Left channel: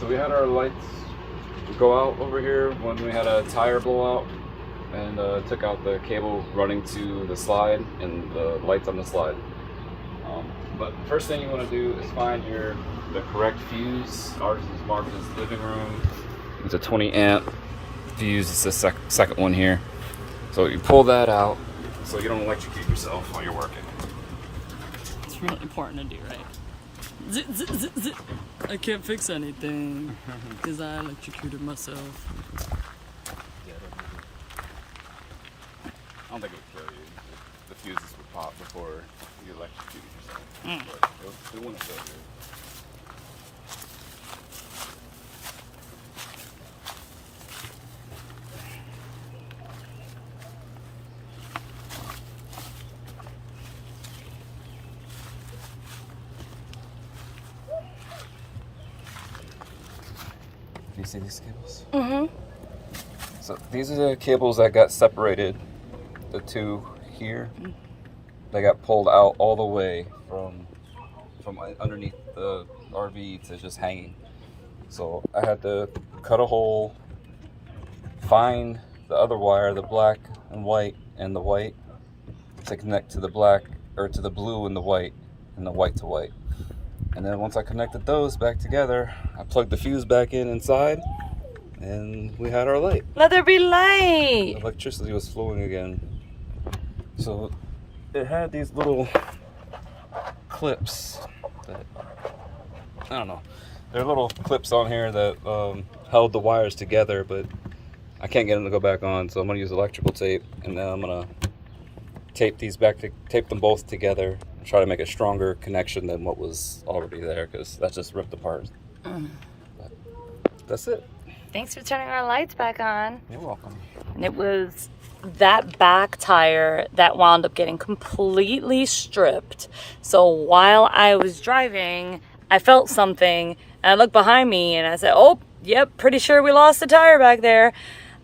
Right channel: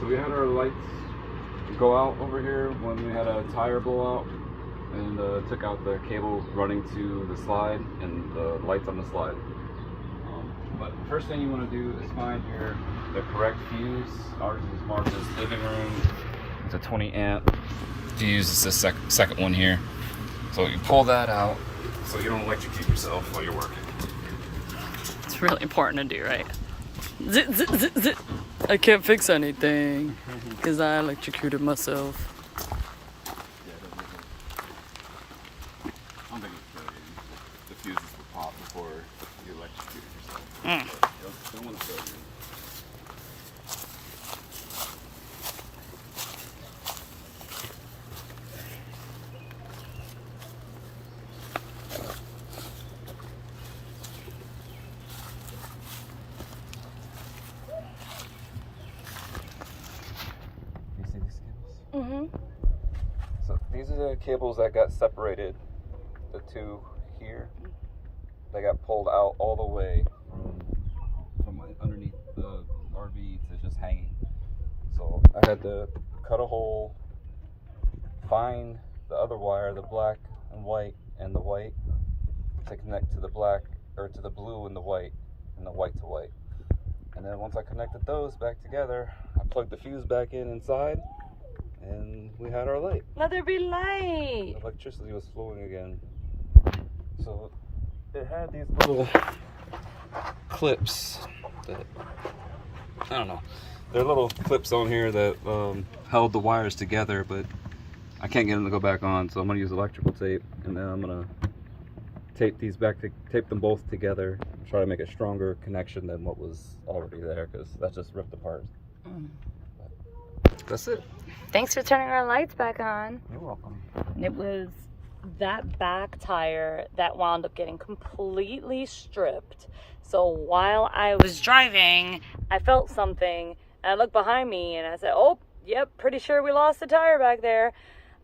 So we had our lights go out over here when we had a tire blowout, and took out the cable running to the slide and the lights on the slide. But first thing you want to do is find the correct fuse. Ours is marked as living room. It's a 20 amp. To use the second one here. So you pull that out so you don't electrocute yourself while you're working. It's really important to do, right? Zit, zit, zit, zit. I can't fix anything because I electrocuted myself. I don't think it'll kill you. The fuses will pop before you electrocute yourself. Don't want to kill you. Do you see these cables? Mm-hmm. So these are the cables that got separated. The two here, they got pulled out all the way from underneath the RV to just hanging. So I had to cut a hole, find the other wire, the black and white and the white, to connect to the black, or to the blue and the white to white. And then once I connected those back together, I plugged the fuse back inside, and we had our light. Let there be light. Electricity was flowing again. So it had these little clips that, I don't know, there are little clips on here that held the wires together, but I can't get them to go back on, so I'm going to use electrical tape, and then I'm going to tape them both together and try to make a stronger connection than what was already there, because that just ripped apart. But that's it. Thanks for turning our lights back on. You're welcome. And it was that back tire that wound up getting completely stripped. So while I was driving, I felt something, and I looked behind me and I said, oh, yep, pretty sure we lost the tire back there.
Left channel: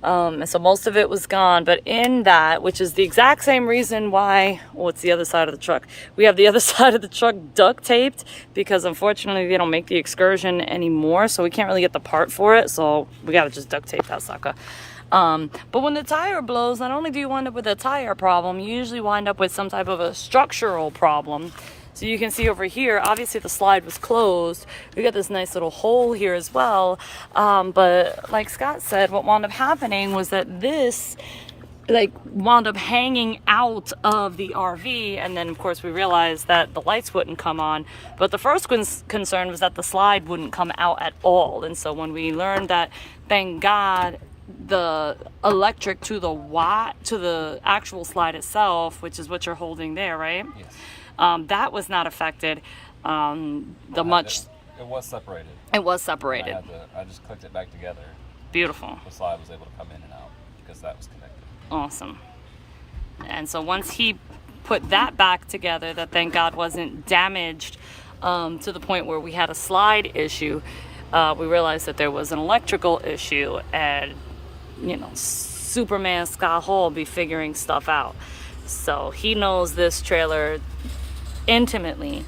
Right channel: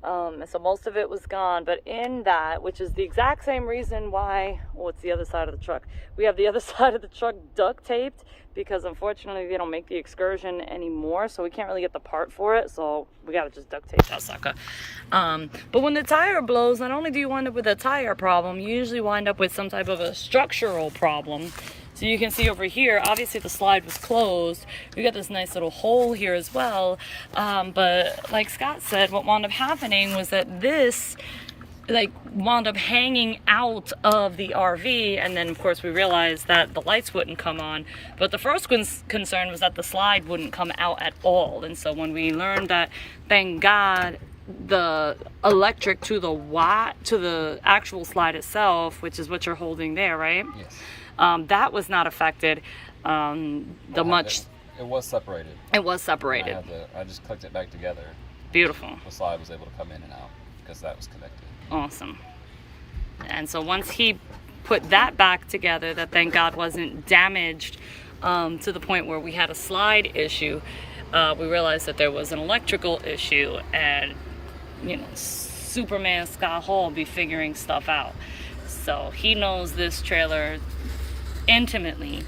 And so most of it was gone, but in that, which is the exact same reason why, well, it's the other side of the truck. We have the other side of the truck duct taped because unfortunately they don't make the Excursion anymore, so we can't really get the part for it, so we gotta just duct tape that sucker. But when the tire blows, not only do you wind up with a tire problem, you usually wind up with some type of a structural problem. So you can see over here, obviously the slide was closed. We got this nice little hole here as well. But like Scott said, what wound up happening was that this wound up hanging out of the RV, and then of course we realized that the lights wouldn't come on. But the first concern was that the slide wouldn't come out at all. And so when we learned that, thank God, the electric to the actual slide itself, which is what you're holding there, right? Yes. That was not affected. It was separated. It was separated. I just clicked it back together. Beautiful. The slide was able to come in and out because that was connected. Awesome. And so once he put that back together, that thank God wasn't damaged to the point where we had a slide issue, we realized that there was an electrical issue, and Superman Scott Hall be figuring stuff out. So he knows this trailer intimately,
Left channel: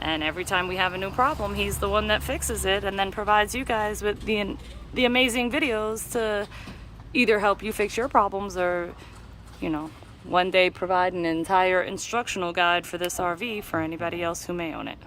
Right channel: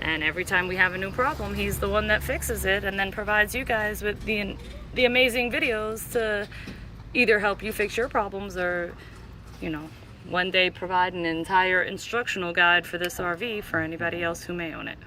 and every time we have a new problem, he's the one that fixes it and then provides you guys with the amazing videos to either help you fix your problems or one day provide an entire instructional guide for this RV for anybody else who may own it.